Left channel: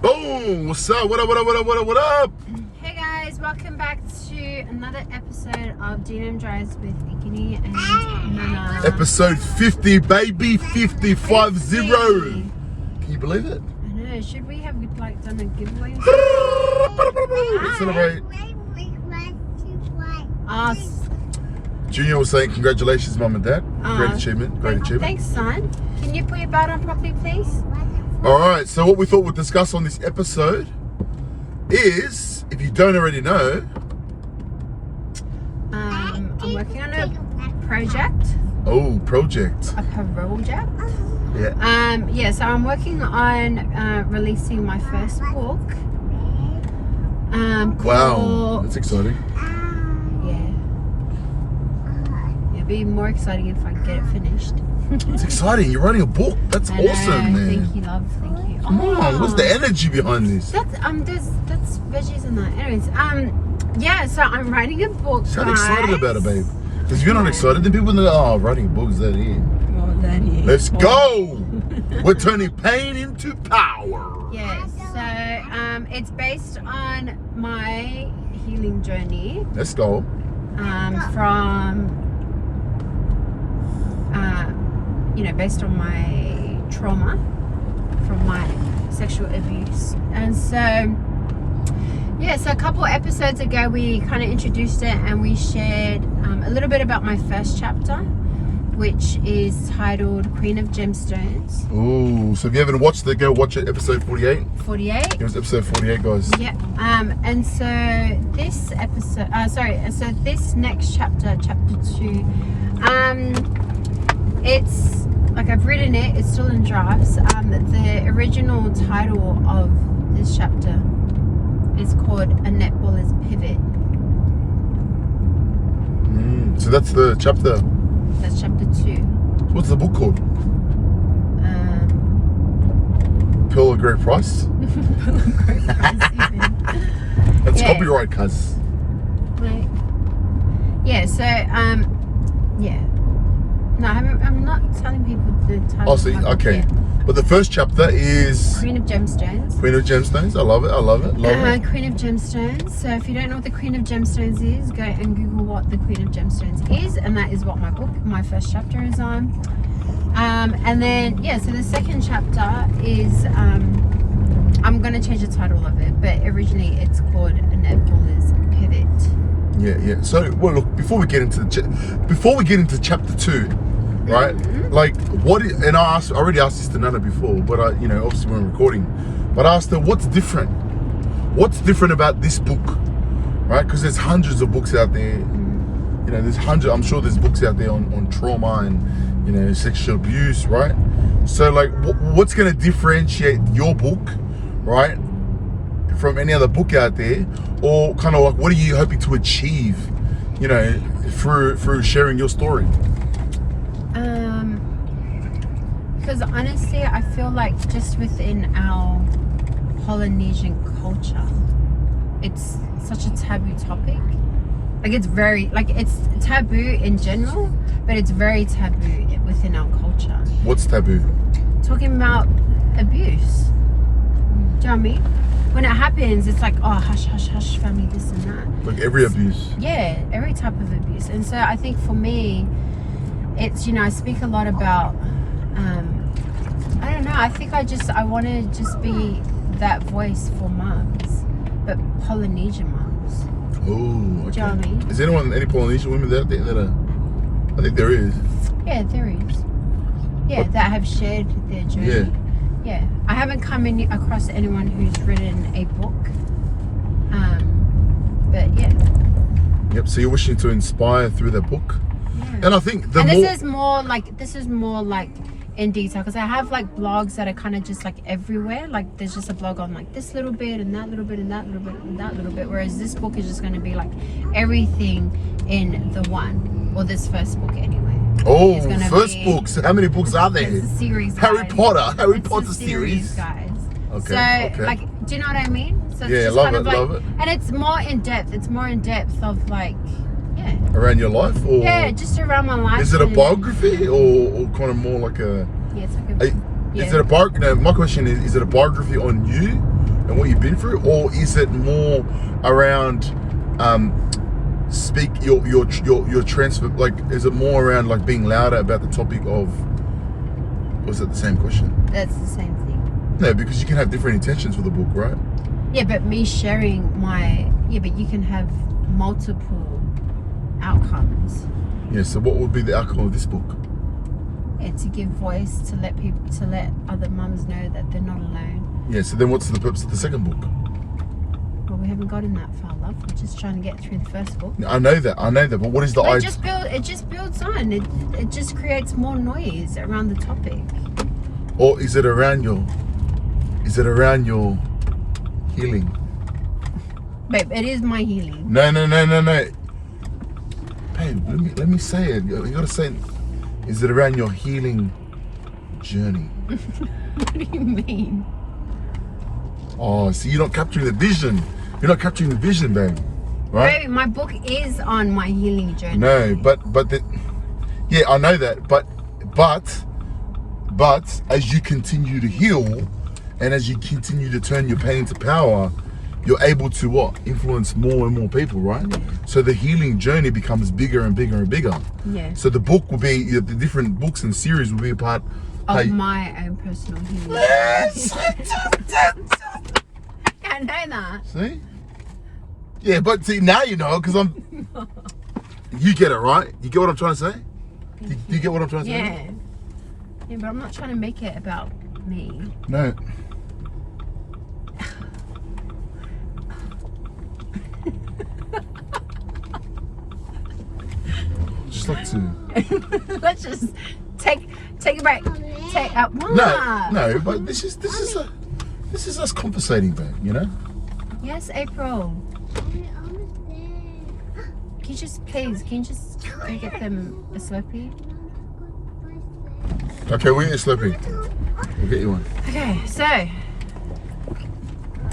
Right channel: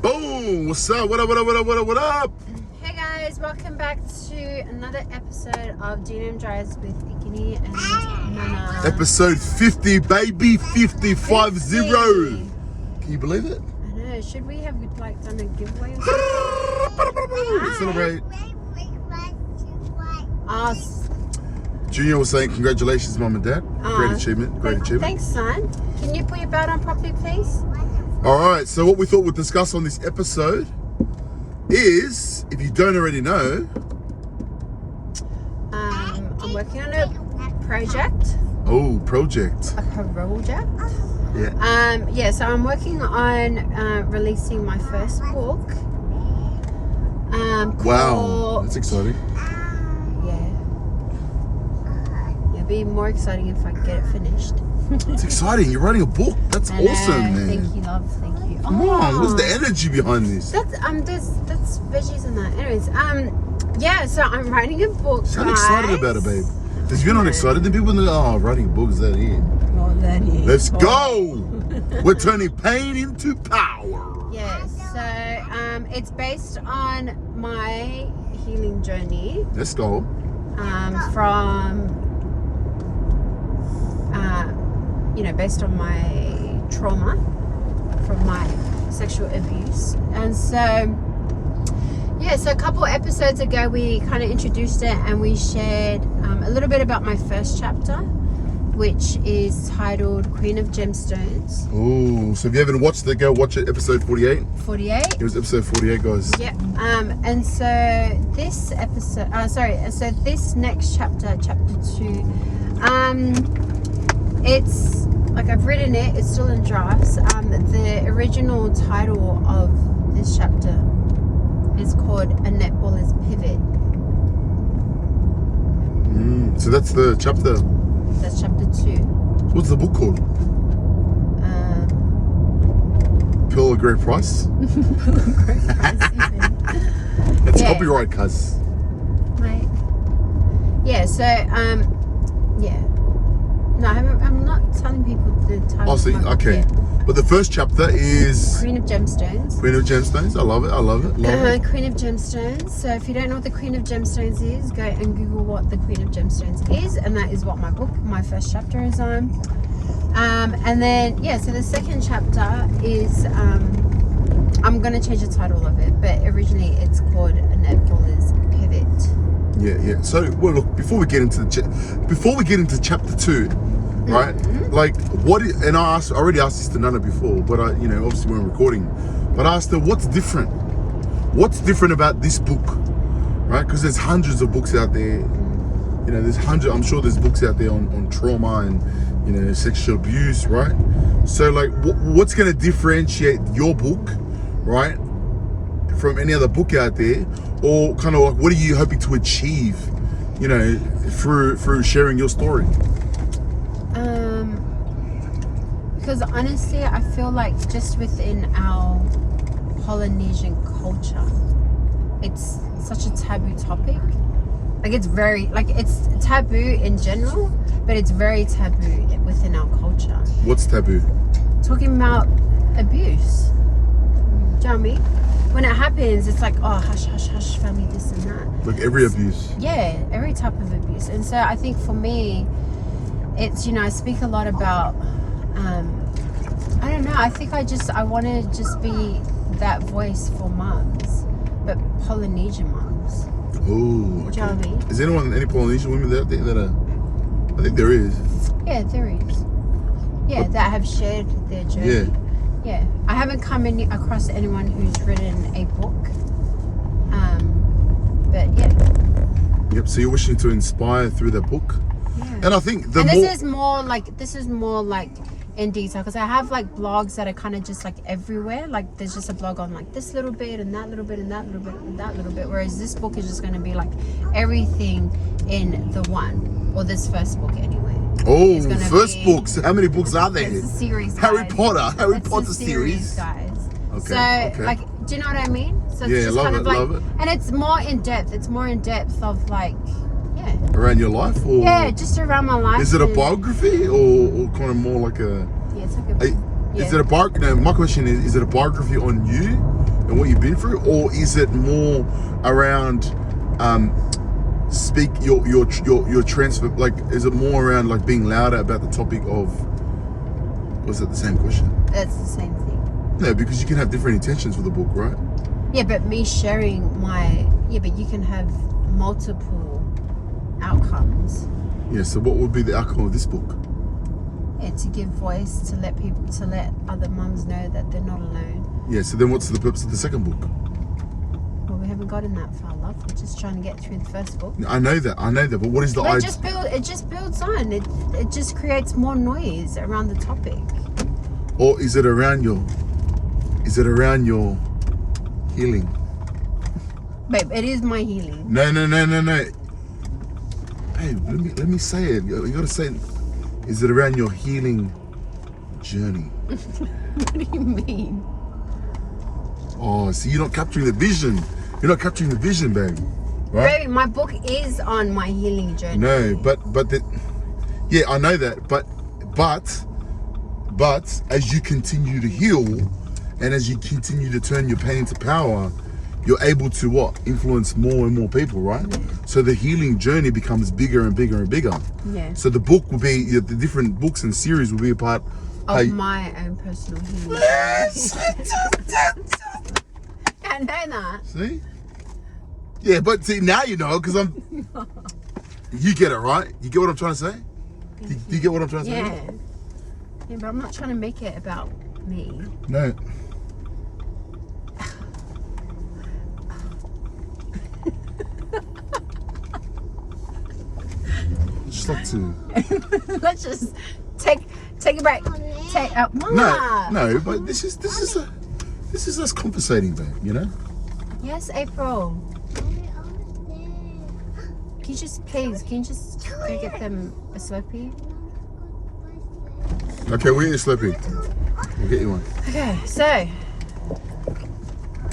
Boom! What's up? What up? What up? What up? What up? What up? Hey guys, welcome back to another episode of DNM Drives with Kini and Nana. Episode 50, baby. 50, 50. Can you believe it? I know. Should we have like done a giveaway? Celebrate. Us. Junior was saying congratulations, mum and dad. Great achievement. Great achievement. Thanks, son. Can you put your belt on properly, please? Alright, so what we thought we'd discuss on this episode is, if you don't already know, I'm working on a project. Oh, project. A project. Yeah. So I'm working on releasing my first book. Wow, that's exciting. It'd be more exciting if I get it finished. It's exciting. You're writing a book. That's awesome, man. Thank you, love. Thank you. Come on, what's the energy behind this? That's veggies in that. Anyways, so I'm writing a book. Sound excited about it, babe. Because if you're not excited, then people know, oh, writing a book, is that it? Well, that is. Let's go! We're turning pain into power. Yeah, so it's based on my healing journey. Let's go. Based on my trauma from my sexual abuse. And so a couple episodes ago we kind of introduced it and we shared a little bit about my first chapter, which is titled Queen of Gemstones. Oh, so if you haven't watched it, go watch it, episode 48. 48? It was episode 48, guys. Yeah. And so this episode, so this next chapter, chapter 2, it's like I've written it, it's still in drafts. The original title of this chapter is called A Netballer's Pivot. So that's the chapter. That's chapter 2. What's the book called? Pearl of Great Price? That's copyright, cuz. Right. Yeah, so, No, I'm not telling people the title. Oh, see, okay. Yet. But the first chapter is Queen of Gemstones. Queen of Gemstones. I love it. I love it. Love it. Queen of Gemstones. So if you don't know what the Queen of Gemstones is, go and Google what the Queen of Gemstones is, and that is what my book, my first chapter is on. And then so the second chapter is I'm gonna change the title of it, but originally it's called A Netballer's Pivot. Yeah. So, well, look, before we get into chapter 2, right? Like, and I already asked this to Nana before, but obviously we we're recording. But I asked her, what's different? What's different about this book, right? Because there's hundreds of books out there. I'm sure there's books out there on trauma and sexual abuse, right? So, like, what's going to differentiate your book, right, from any other book out there? Or kind of like, what are you hoping to achieve, through sharing your story? Because honestly, I feel like just within our Polynesian culture, it's such a taboo topic. Like it's taboo in general, but it's very taboo within our culture. What's taboo? Talking about abuse. Do you know what I mean? When it happens, it's like, oh, hush, hush, hush, family, this and that. Like every abuse. Yeah, every type of abuse. And so I think for me, it's, I speak a lot about, I don't know, I think I want to just be that voice for mums, but Polynesian mums. Oh, okay. Do you know what I mean? Is any Polynesian women out there that are, I think there is. Yeah, there is. Yeah, that have shared their journey. Yeah, I haven't come across anyone who's written a book, but yeah. Yep. So you're wishing to inspire through the book, and I think this is more like in detail, because I have like blogs that are kind of just like everywhere. Like there's just a blog on like this little bit and that little bit and that little bit and that little bit, whereas this book is just going to be like everything in the one, or this first book anyway. Oh, first books. How many books are there? It's a series, Harry guys. Potter Series, guys. Okay. So, like, do you know what I mean? So it's just love kind it, of like, love it. And it's more in depth. It's more in depth of like, around your life, or just around my life. Is it a biography or kind of more like a? Yeah, it's like a. Is it a biography? No, my question is it a biography on you, and what you've been through, or is it more around speak your transfer? Like, is it more around like being louder about the topic of? Was it the same question? That's the same thing. No, because you can have different intentions for the book, right? Yeah, but me sharing but you can have multiple outcomes. Yeah. So what would be the outcome of this book? To give voice, to let other moms know that they're not alone. Yeah. So then, what's the purpose of the second book? Well, we haven't gotten that far, love. We're just trying to get through the first book. I know that. But what is the idea? It just builds on. It just creates more noise around the topic. Or is it around your? Is it around your healing? Babe, it is my healing. No. Hey, let me say it. You gotta say it. Is it around your healing journey? What do you mean? Oh, see, you're not capturing the vision. You're not capturing the vision, babe. Right? Babe, my book is on my healing journey. No, but yeah, I know that. But as you continue to heal, and as you continue to turn your pain into power, you're able to what? Influence more and more people, right? Yeah. So the healing journey becomes bigger and bigger and bigger. Yeah. So the book will be, the different books and series will be a part of my own personal healing. Yes! I know that. See? Yeah, but see, now you know, because you get it, right? You get what I'm trying to say? Do you get what I'm trying to say? Yeah. Yeah, but I'm not trying to make it about me. No. Just like to. Let's just take a break. No, but this is us conversating, babe. You know. Yes, April. Can you just go get them a Slurpee? Okay, we'll get a Slurpee. We'll get you one. Okay, so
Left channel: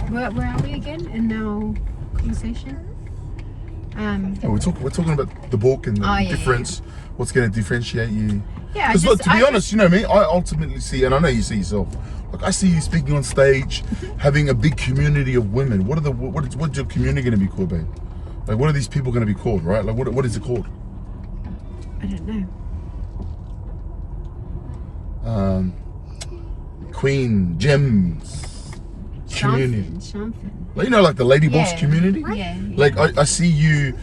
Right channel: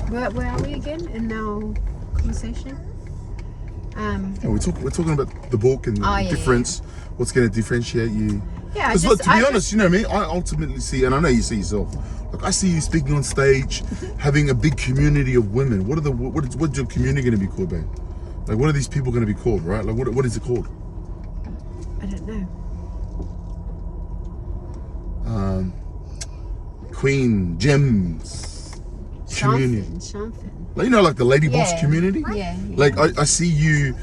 where are we again in our conversation? We're talking about the book and the difference. Yeah. What's going to differentiate you? Yeah, to be honest, you know me. I ultimately see, and I know you see yourself. Like I see you speaking on stage, having a big community of women. What's your community going to be called, babe? Like, what are these people going to be called, right? Like, what is it called? I don't know. Queen Gems community. Something. Like, you know, like the Lady Boss community. Yeah. Like I see you,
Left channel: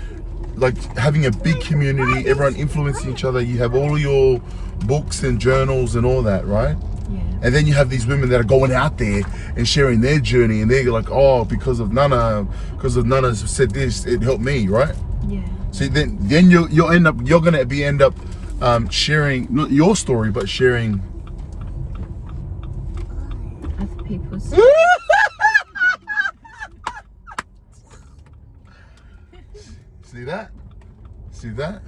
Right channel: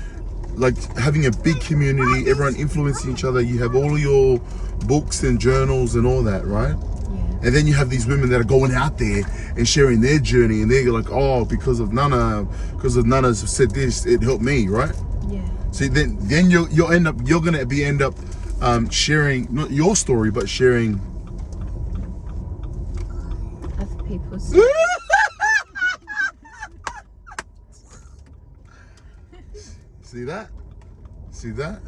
like having a big community. Everyone influencing each other. You have all your books and journals and all that, right? Yeah. And then you have these women that are going out there and sharing their journey, and they're like, oh, because of Nana's said this, it helped me, right? Yeah. So then you're gonna end up sharing not your story, but sharing other people's. See that?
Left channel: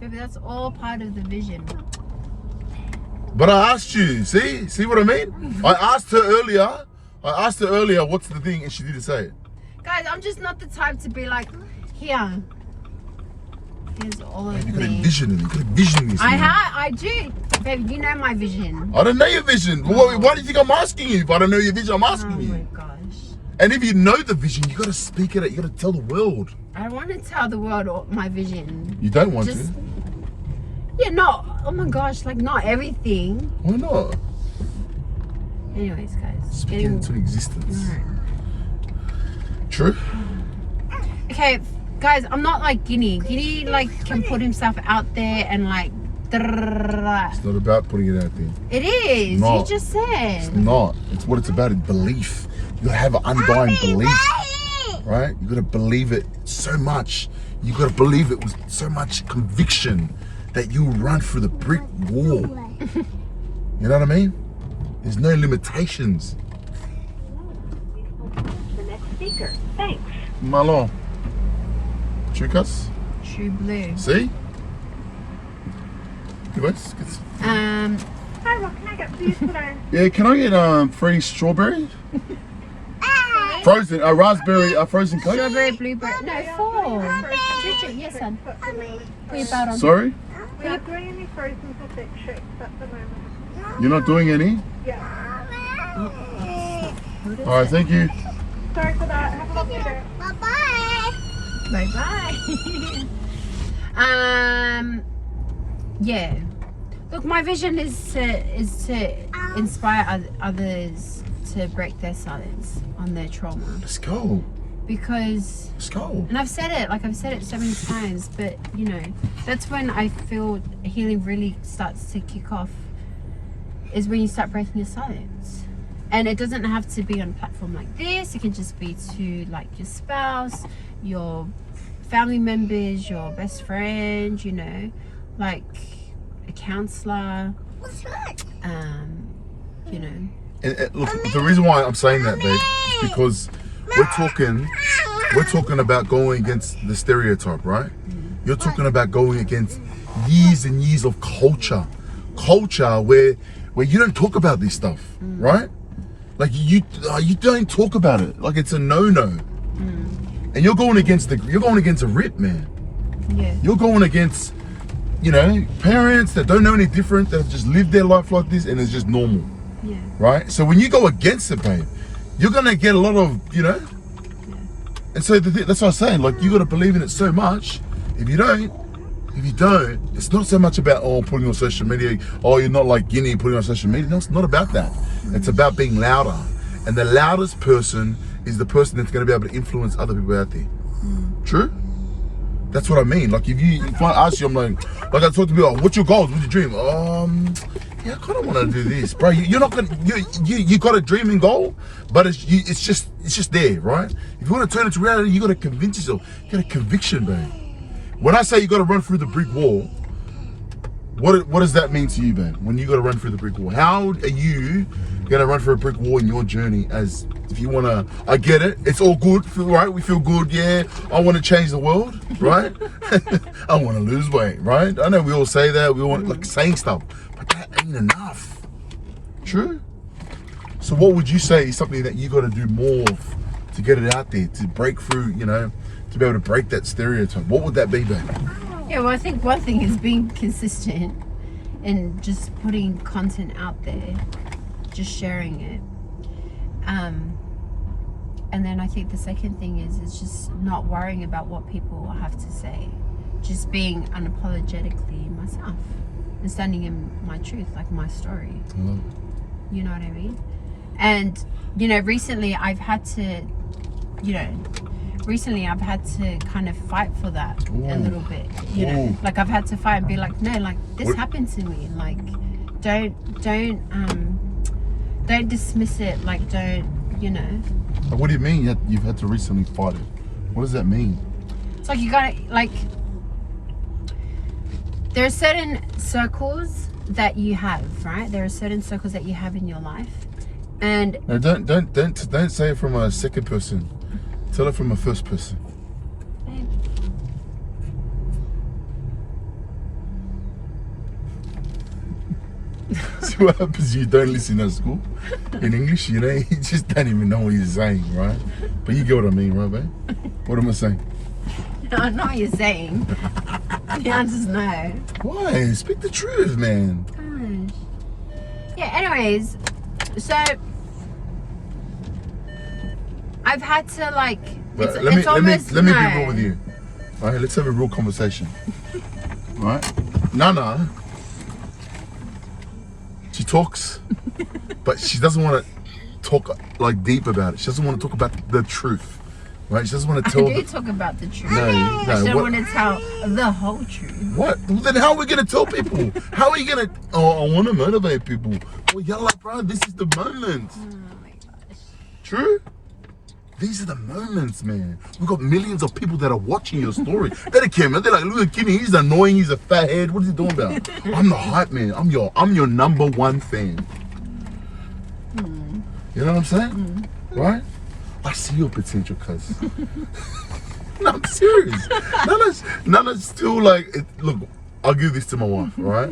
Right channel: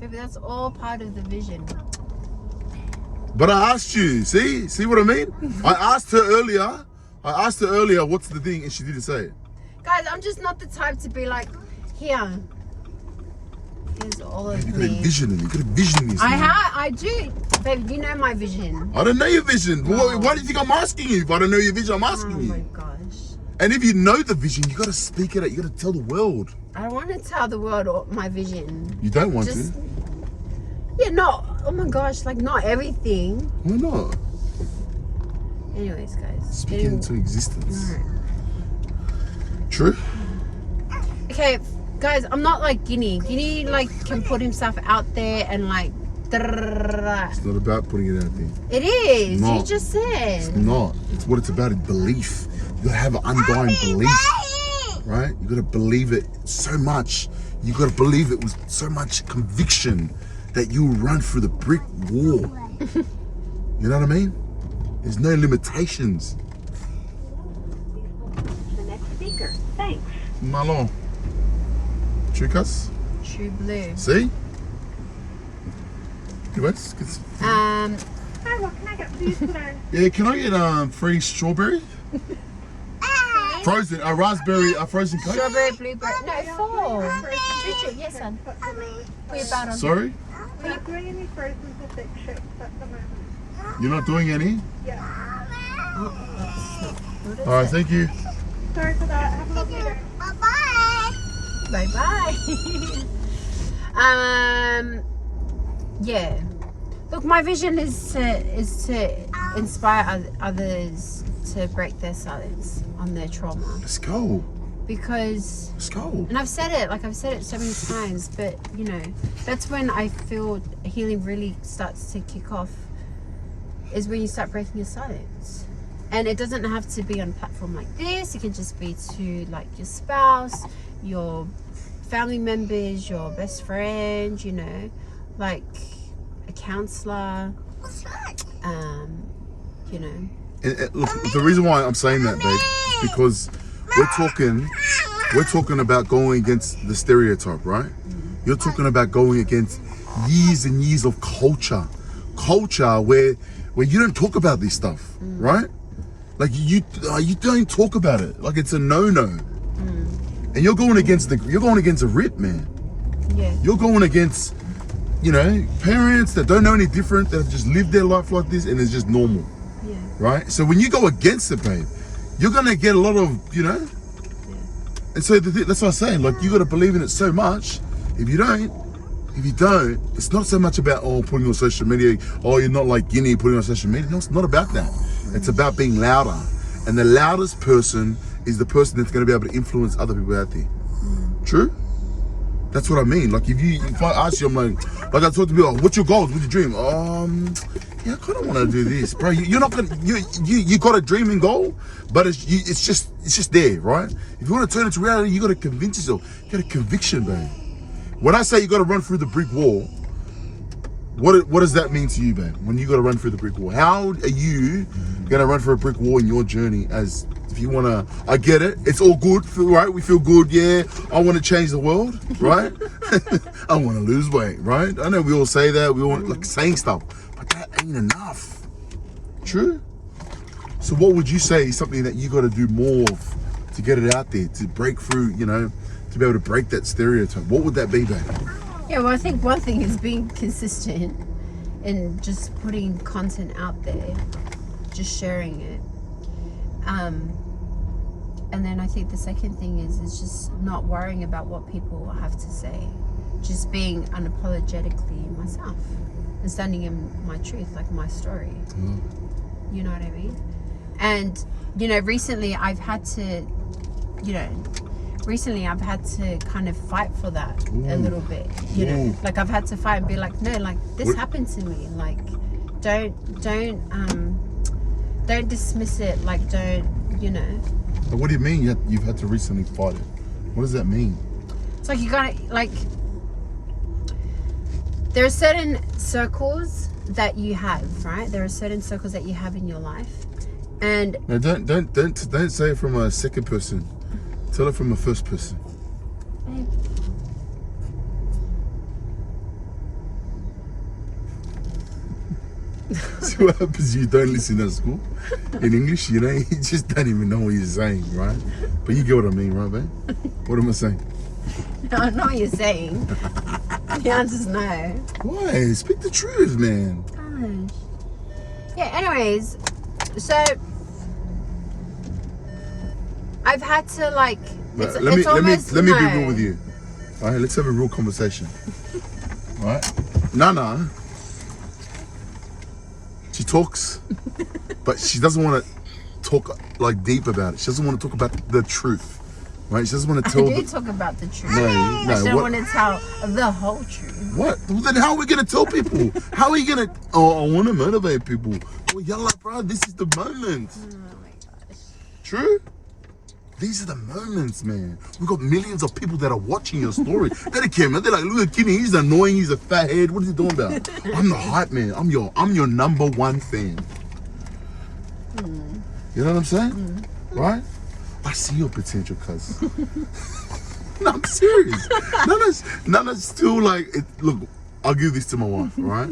Maybe that's all part of the vision. But I asked you, see what I mean? I asked her earlier, what's the thing, and she didn't say it. Guys, I'm just not the type to be like, here's all of You got me. a vision, this. I do. Baby, you know my vision. I don't know your vision. Why do you think I'm asking you? If I don't know your vision, I'm asking you. Oh my gosh. And if you know the vision, you gotta speak it out. You gotta tell the world. I want to tell the world my vision. You don't want to? Yeah, no. Oh my gosh, like not everything. Why not? Anyways, guys. Speak it into existence. Right. True? Okay, guys, I'm not like Kini. Kini like can put himself out there and like. It's not about putting it out there. It is. Not. You just said. It's not. It's what it's about is belief. You gotta have an undying belief. Right? You gotta believe it so much. You gotta believe it with so much conviction that you run through the brick wall. You know what I mean? There's no limitations. The next speaker. Thanks. Malon. Chicas? True blue. See? Anyways, good. Hi, what can I get for you today? Yeah, can I get free strawberry? Frozen, a raspberry, a frozen Coke? Strawberry, blueberry. No, 4. Yes, son. Put your belt on. Sorry? We're not doing any frozen or thick shakes at the moment. You're not doing any? Yeah. All right, thank you. Sorry for that. Have a lovely day. Bye bye. Yeah. Look, my vision is to inspire others to break their silence on their trauma. Let's go. Because, Let's go. and I've said it so many times, but you know, that's when I feel healing really starts to kick off, is when you start breaking your silence. And it doesn't have to be on a platform like this. It can just be to like your spouse, your family members, your best friend, you know, like a counselor. You know. And look, the reason why I'm saying that, babe, is because we're talking about going against the stereotype, right? You're talking about going against years and years of culture where you don't talk about this stuff, right? Like you don't talk about it. Like it's a no-no. And you're going against a rip, man. Yeah. You're going against, you know, parents that don't know any different, that have just lived their life like this and it's just normal. Yeah. Right? So when you go against it, babe, you're gonna get a lot of, you know. And so that's what I'm saying. Like you gotta believe in it so much. If you don't, it's not so much about putting on social media. Oh, you're not like Kini putting on social media. No, it's not about that. It's about being louder. And the loudest person is the person that's gonna be able to influence other people out there. True? That's what I mean. Like if I ask you, I'm like I talk to people, what's your goals? What's your dream? Yeah, I kind of want to do this, bro. You're not gonna, you got a dream and goal, but it's just there, right? If you want to turn it to reality, you got to convince yourself. You got a conviction, babe. When I say you got to run through the brick wall, what does that mean to you, babe? When you got to run through the brick wall, how are you gonna run through a brick wall in your journey? As if you want to, I get it. It's all good, right? We feel good, yeah. I want to change the world, right? I want to lose weight, right? I know we all say that. We want like saying stuff. That ain't enough. True? So what would you say is something that you got to do more of to get it out there, to break through, you know, to be able to break that stereotype? What would that be, babe? Yeah, well, I think one thing is being consistent and just putting content out there, just sharing it. And then I think the second thing is just not worrying about what people have to say. Just being unapologetically myself. And standing in my truth, like my story. You know what I mean? And you know, recently I've had to kind of fight for that a little bit, you know. Like I've had to fight and be like, no, like this happened to me, like don't dismiss it, like don't, you know. What do you mean you've had to recently fight it? What does that mean? It's like you gotta, like, there are certain circles that you have, right? There are certain circles that you have in your life, and no, don't say it from a second person. Tell it from a first person. See what happens? You don't listen at school in English. You know, you just don't even know what you're saying, right? But you get what I mean, right, babe? What am I saying? No, I know what you're saying. The answer's no. Why? Speak the truth, man. Gosh. Yeah, anyways, so I've had to like Let me be real with you. All right, let's have a real conversation. All right? Nana, she talks, but she doesn't want to talk like deep about it. She doesn't want to talk about the truth. Right? She doesn't want to tell. I do talk about the truth. No, I don't want to tell the whole truth. What? Well, then how are we gonna tell people? How are you gonna? Oh, I want to motivate people. Well, you're like, bro, this is the moment. Oh my gosh. True. These are the moments, man. We've got millions of people that are watching your story. They don't care, man. They're like, look at Kini, he's annoying, he's a fat head. What is he doing about? I'm the hype man. I'm your number one fan. You know what I'm saying? Right? I see your potential, cuz. No, I'm serious. Nana's still like, look, I'll give this to my wife, right?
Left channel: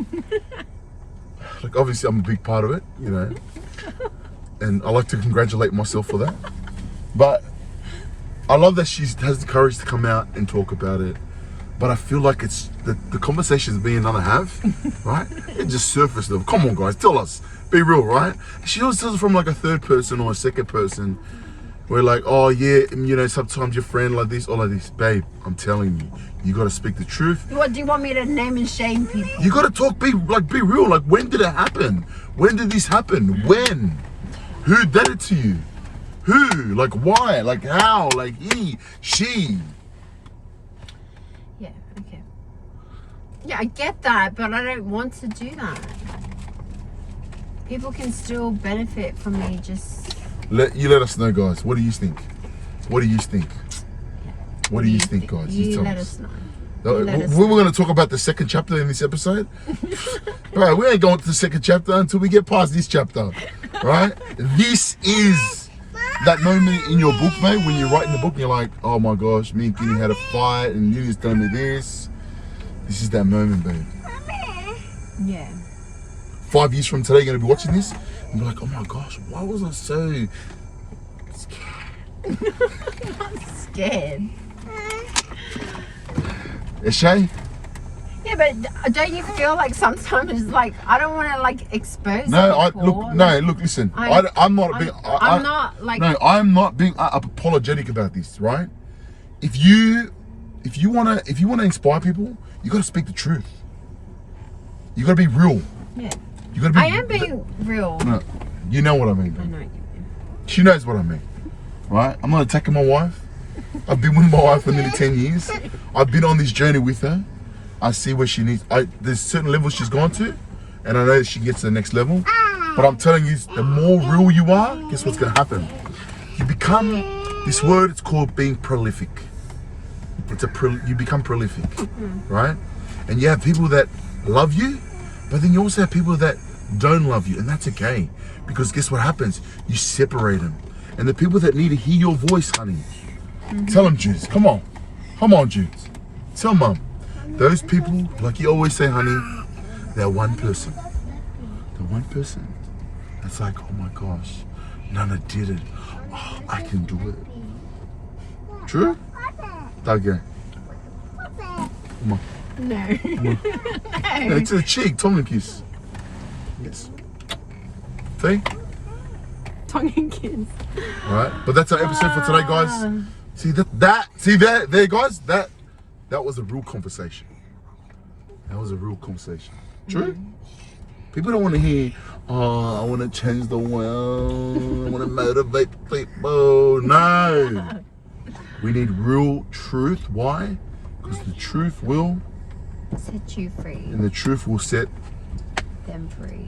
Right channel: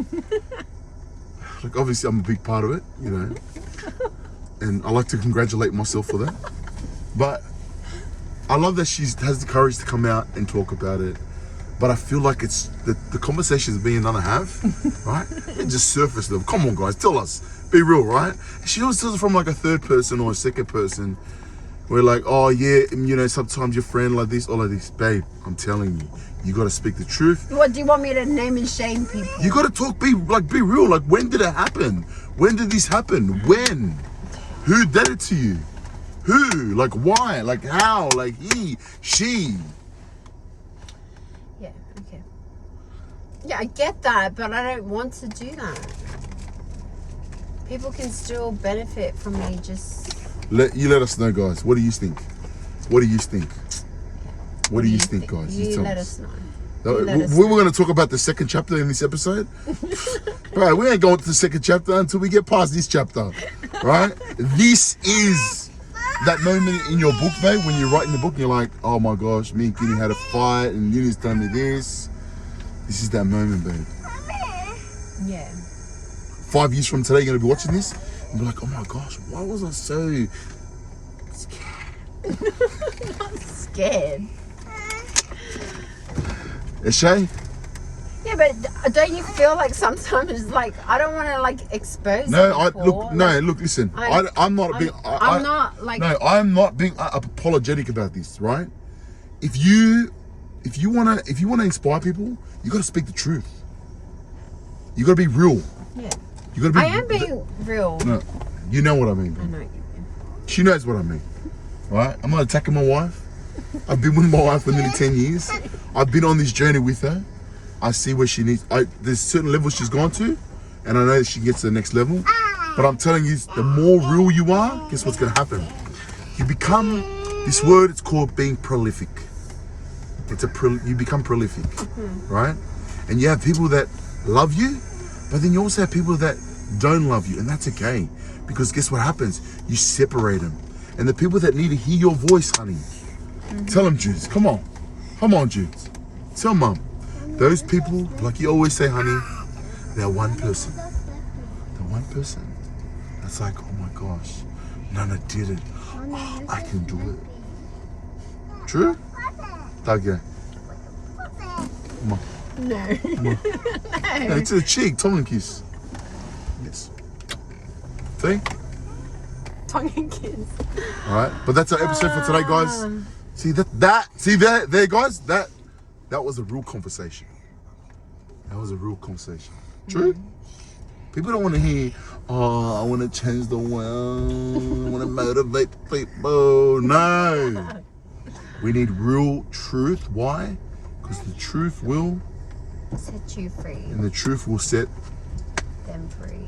Like, obviously, I'm a big part of it, you know. And I like to congratulate myself for that. But I love that she has the courage to come out and talk about it. But I feel like it's the conversations me and Nana have, right? It just surface level. Come on, guys, tell us. Be real, right? She always tells it from like a third person or a second person. We're like, oh yeah, you know, sometimes your friend like this or like this. Babe, I'm telling you, you gotta speak the truth. What do you want me to name and shame people? You gotta talk, be real. Like, when did it happen? When did this happen? When? Who did it to you? Who? Like, why? Like, how? Like, he, she. Yeah, okay. Yeah, I get that, but I don't want to do that. People can still benefit from me just... Let us know, guys. What do you think? What do you think? What do you think, guys? You tell let us know. We're going to talk about the second chapter in this episode. Right, we ain't going to the second chapter until we get past this chapter. Right? This is that moment in your book, mate, when you're writing the book and you're like, oh my gosh, me and Kini had a fight and Uni's telling me this. This is that moment, babe. Yeah. 5 years from today, you're going to be watching this and be like, oh my gosh, why was I so Scared. Shay? Yeah, but don't you feel like sometimes, like, I don't want to, like, expose No, people. look, listen. I'm not being. I'm not, like... No, I'm not being apologetic about this, right? If you wanna inspire people, you gotta speak the truth. You gotta be real. Yeah. You gotta be. I am being real. No, you know what I mean. I know you. She knows what I mean, right? I'm not attacking my wife. I've been with my wife for nearly 10 years. I've been on this journey with her. I see where she needs. There's certain levels she's gone to, and I know that she gets to the next level. But I'm telling you, the more real you are, guess what's gonna happen? You become this word. It's called being prolific. You become prolific, right? And you have people that love you, but then you also have people that don't love you, and that's okay. Because guess what happens? You separate them, and the people that need to hear your voice, honey. Tell them, Judes. Come on, Judes. Tell Mum. Those people, like you always say, honey, they're one person. The one person that's like, oh my gosh, Nana did it. Oh, I can do it. True? Okay. Come on. No. Come on. Hey, to the cheek, tongue and kiss. Yes. See? Tongue and kiss. All right, but that's our episode for today, guys. See there, guys. That was a real conversation. That was a real conversation. True? People don't want to hear, oh, I want to change the world. I want to motivate people. No. We need real truth. Why? Because the truth will Set you free. And the truth will set them free.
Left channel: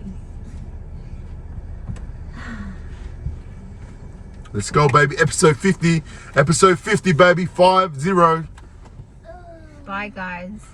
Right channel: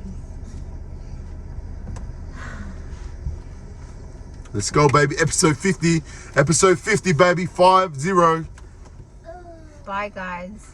Let's go, baby. Episode 50. Episode 50, baby. 50. Bye, guys.